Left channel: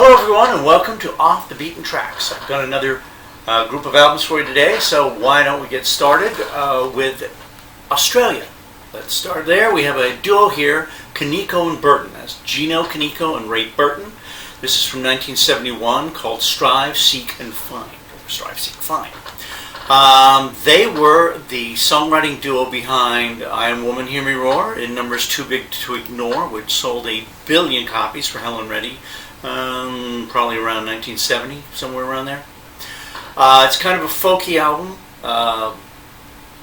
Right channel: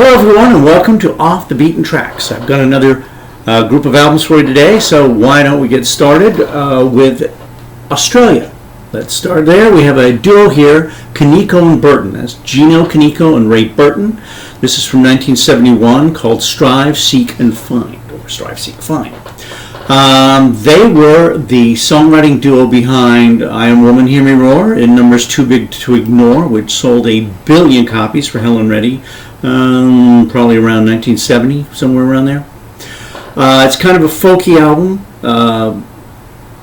Hello everyone and welcome to Off the Beaten Tracks. I've got another group of albums for you today, so why don't we get started with Australia. Let's start there. We have a duo here, Kaneko and Burton. That's Gino Kaneko and Ray Burton. This is from 1971 called Strive, Seek, and Find, or Strive, Seek, Find. They were the songwriting duo behind I Am Woman, Hear Me Roar and Numbers Too Big to Ignore, which sold 1 billion copies for Helen Reddy, probably around 1970, somewhere around there. It's kind of a folky album.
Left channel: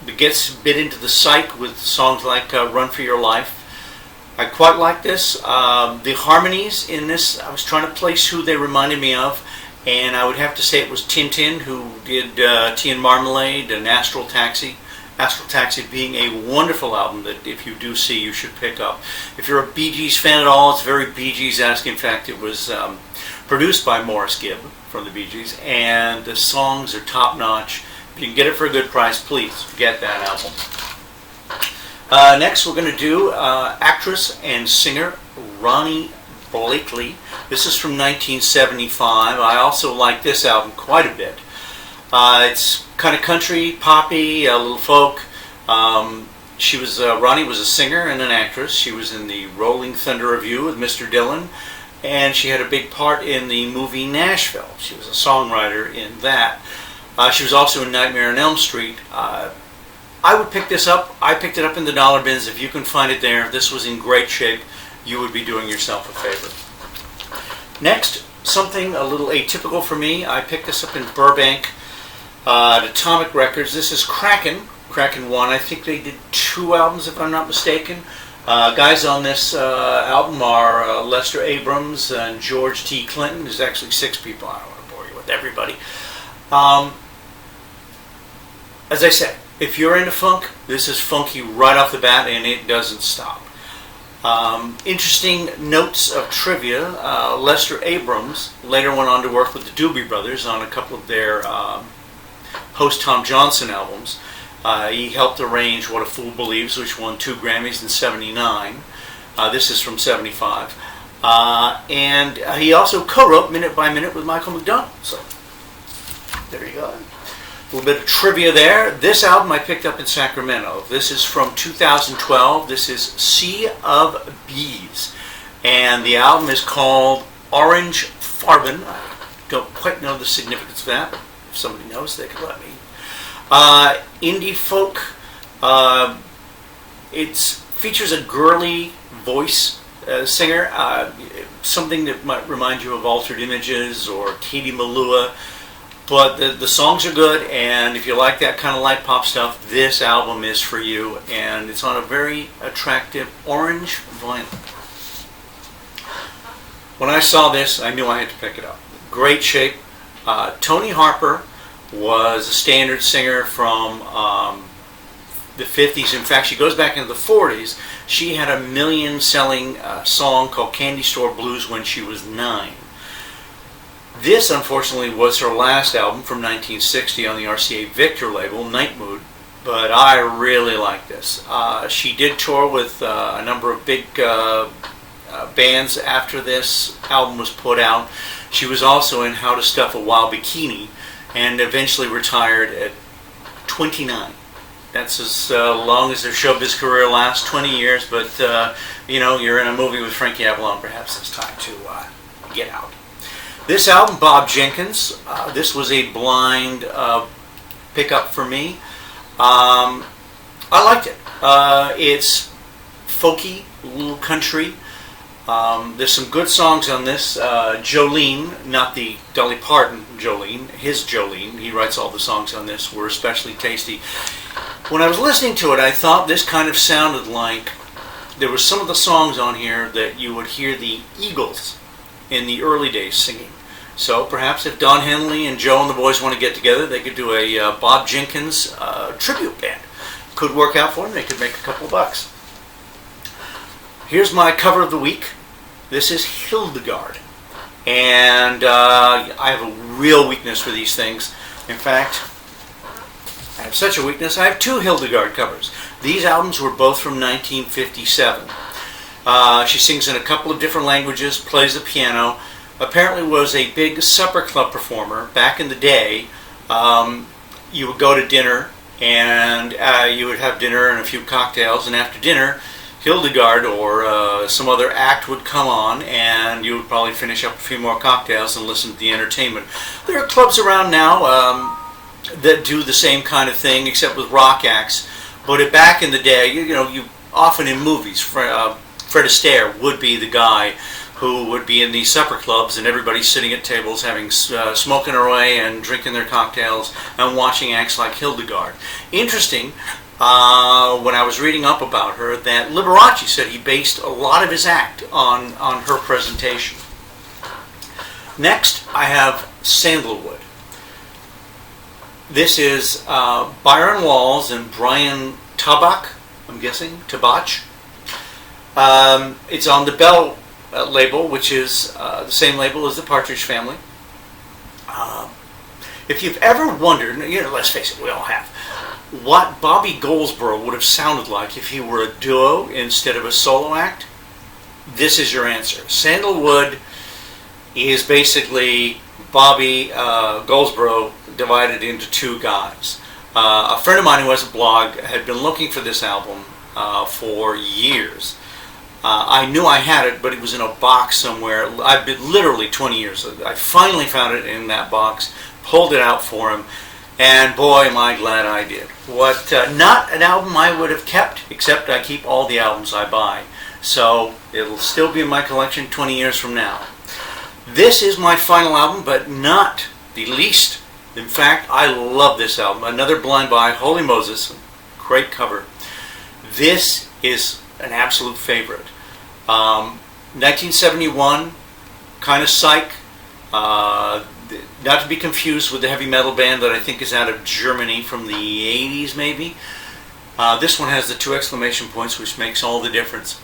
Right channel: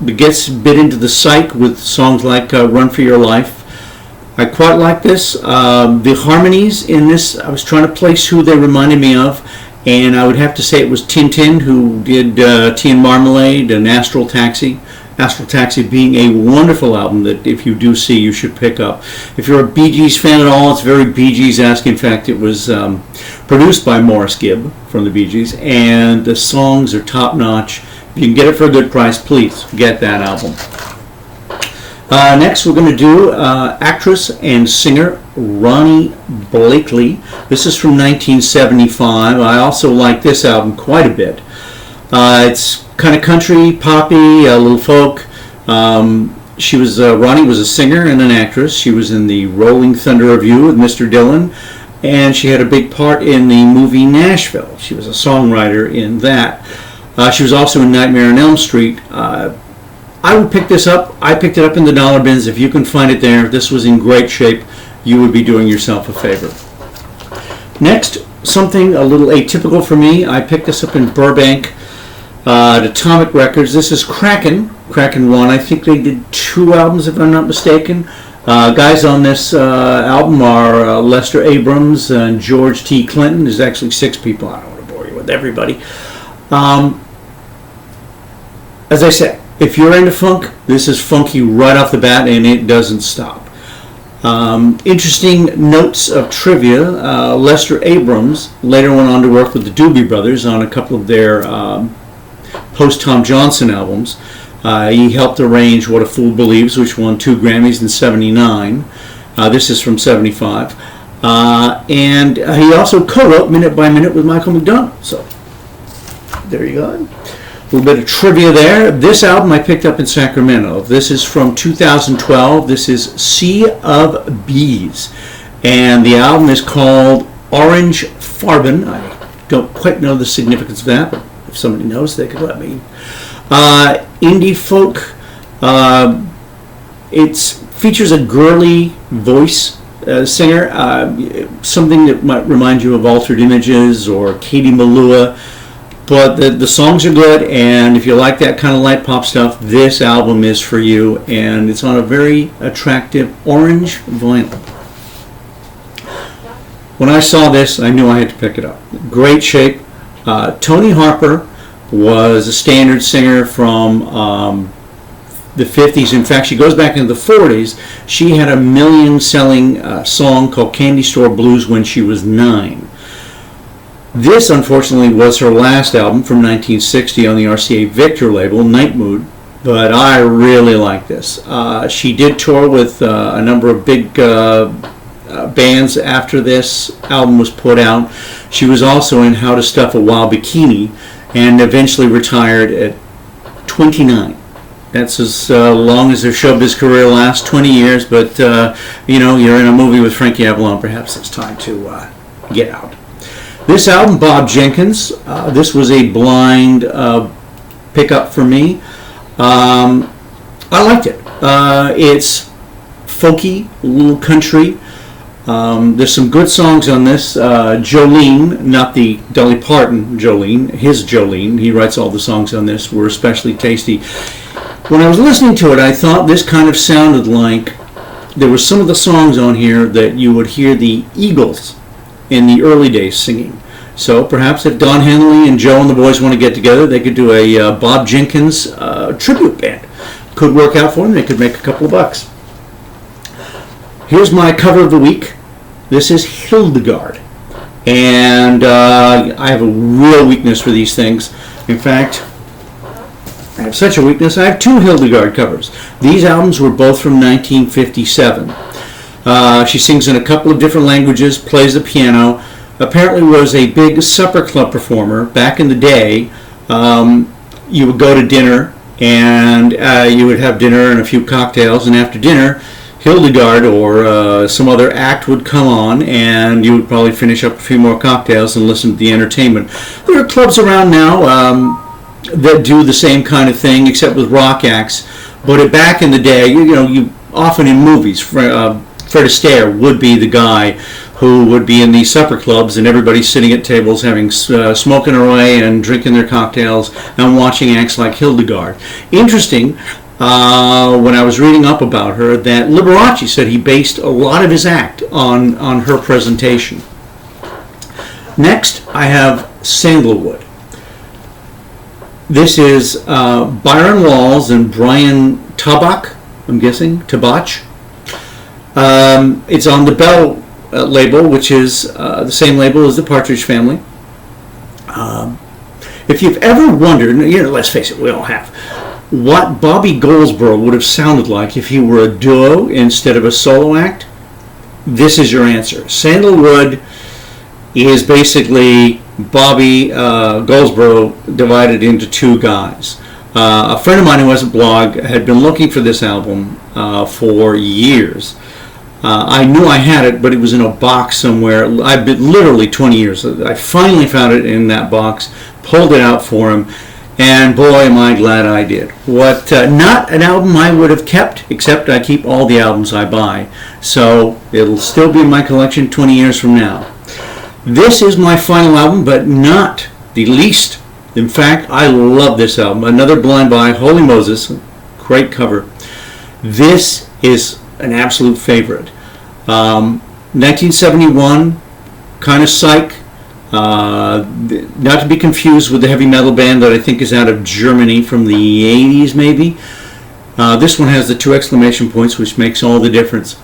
It gets a bit into the Psych with songs like Run For Your Life. I quite like this. The harmonies in this, I was trying to place who they reminded me of, and I would have to say it was Tintin, who did Tea and Marmalade and Astral Taxi. Astral Taxi being a wonderful album that if you do see, you should pick up. If you're a Bee Gees fan at all, it's very Bee Gees-esque. In fact, it was produced by Morris Gibb from the Bee Gees, and the songs are top-notch. If you can get it for a good price, please get that album. Next, we're going to do actress and singer Ronnie Blakely. This is from 1975. I also like this album quite a bit. It's kind of country, poppy, a little folk. Ronnie was a singer and an actress. She was in the Rolling Thunder Revue with Mr. Dillon, and she had a big part in the movie Nashville. She was a songwriter in that. She was also in Nightmare on Elm Street. I would pick this up. I picked it up in the dollar bins. If you can find it there, this was in great shape. You would be doing yourself a favor. Next, something a little atypical for me. I picked this up in Burbank at Atomic Records. This is Kraken. Kraken 1. I think they did 2 albums, if I'm not mistaken. Guys on this album are Lester Abrams and George T. Clinton. There's actually 6 people. I don't want to bore you with everybody. As I said, if you're into funk, this is funky right off the bat, and it doesn't stop. Interesting notes of trivia. Lester Abrams later went on to work with the Doobie Brothers on a couple of their post-Tom Johnson albums. He helped arrange What a Fool Believes, which won 2 Grammys in '79. This is from '75. And he also co-wrote Minute by Minute with Michael McDonald. So, there you go. A little bit of trivia there. This album I picked up in Sacramento. This is from 2012. This is Sea of Bees. And the album is called Orange Farben. I don't quite know the significance of that, but if somebody knows, they could let me. Indie folk. It features a girly voice singer. Something that might remind you of Altered Images or Katie Malua. But the songs are good, and if you like that kind of light pop stuff, this album is for you, and it's on a very attractive orange vinyl. When I saw this, I knew I had to pick it up. Great shape. Tony Harper was a standard singer from the 50s. In fact, she goes back into the 40s. She had a million-selling song called Candy Store Blues when she was 9. This, unfortunately, was her last album from 1960 on the RCA Victor label, Night Mood, but I really like this. She did tour with a number of big bands after this album was put out. She was also in How to Stuff a Wild Bikini and eventually retired at 29. That's as long as her showbiz career lasts, 20 years, but you're in a movie with Frankie Avalon, perhaps it's time to get out. This album, Bob Jenkins, this was a blind pickup for me. I liked it. It's folky, a little country. There's some good songs on this. Jolene, not the Dolly Parton Jolene, his Jolene, he writes all the songs on this, were especially tasty. When I was listening to it, I thought this kind of sounded like there were some of the songs on here that you would hear the Eagles in the early days singing. So perhaps if Don Henley and Joe and the boys want to get together, they could do a Bob Jenkins tribute band. Could work out for them. They could make a couple of bucks. Here's my cover of the week. This is Hildegard. And I have a real weakness for these things. In fact, I have such a weakness. I have 2 Hildegard covers. These albums were both from 1957. She sings in a couple of different languages, plays the piano. apparently was a big supper club performer back in the day. You would go to dinner, and you would have dinner and a few cocktails, and after dinner, Hildegard or some other act would come on, and you would probably finish up a few more cocktails and listen to the entertainment. There are clubs around now that do the same kind of thing, except with rock acts. But back in the day, you often in movies, Fred Astaire would be the guy who would be in these supper clubs, and everybody's sitting at tables having smoking away and drinking their cocktails and watching acts like Hildegard. Interesting, when I was reading up about her, that Liberace said he based a lot of his act on her presentation. Next, I have Sandalwood. This is Byron Walls and Brian Tabach, I'm guessing, Tabach. It's on the Bell label, which is the same label as the Partridge Family. If you've ever wondered, let's face it, we all have, what Bobby Goldsboro would have sounded like if he were a duo instead of a solo act, this is your answer. Sandalwood is basically Bobby Goldsboro divided into two guys. A friend of mine who has a blog had been looking for this album for years. I knew I had it, but it was in a box somewhere. I've been literally 20 years. I finally found it in that box, pulled it out for him, and boy, am I glad I did. Not an album I would have kept, except I keep all the albums I buy. So it'll still be in my collection 20 years from now. This is my final album, but not the least. In fact, I love this album. Another Blind Buy, Holy Moses, great cover. This is an absolute favorite. 1971, kind of Psych. Not to be confused with the heavy metal band that I think is out of Germany from the 80s, maybe. This one has the 2 exclamation points, which makes all the difference.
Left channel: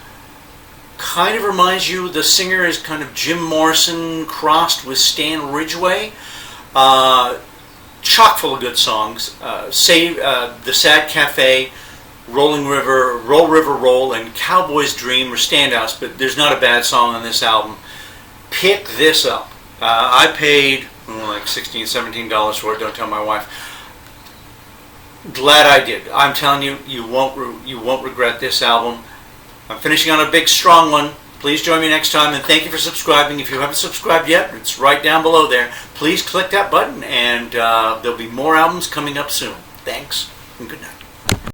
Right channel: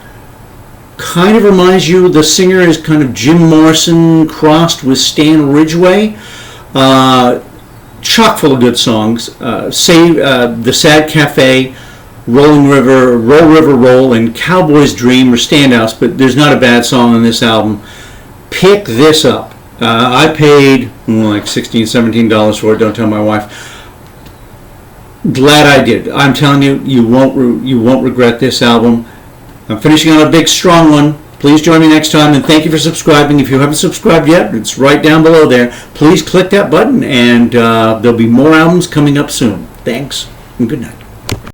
Kind of reminds you, the singer is kind of Jim Morrison crossed with Stan Ridgway. Chock full of good songs. The Sad Cafe, Roll River Roll, and Cowboy's Dream are standouts, but there's not a bad song on this album. Pick this up. I paid like $16, $17 for it. Don't tell my wife. Glad I did. I'm telling you, you won't regret this album. I'm finishing on a big, strong one. Please join me next time, and thank you for subscribing. If you haven't subscribed yet, it's right down below there. Please click that button, and there'll be more albums coming up soon. Thanks, and good night.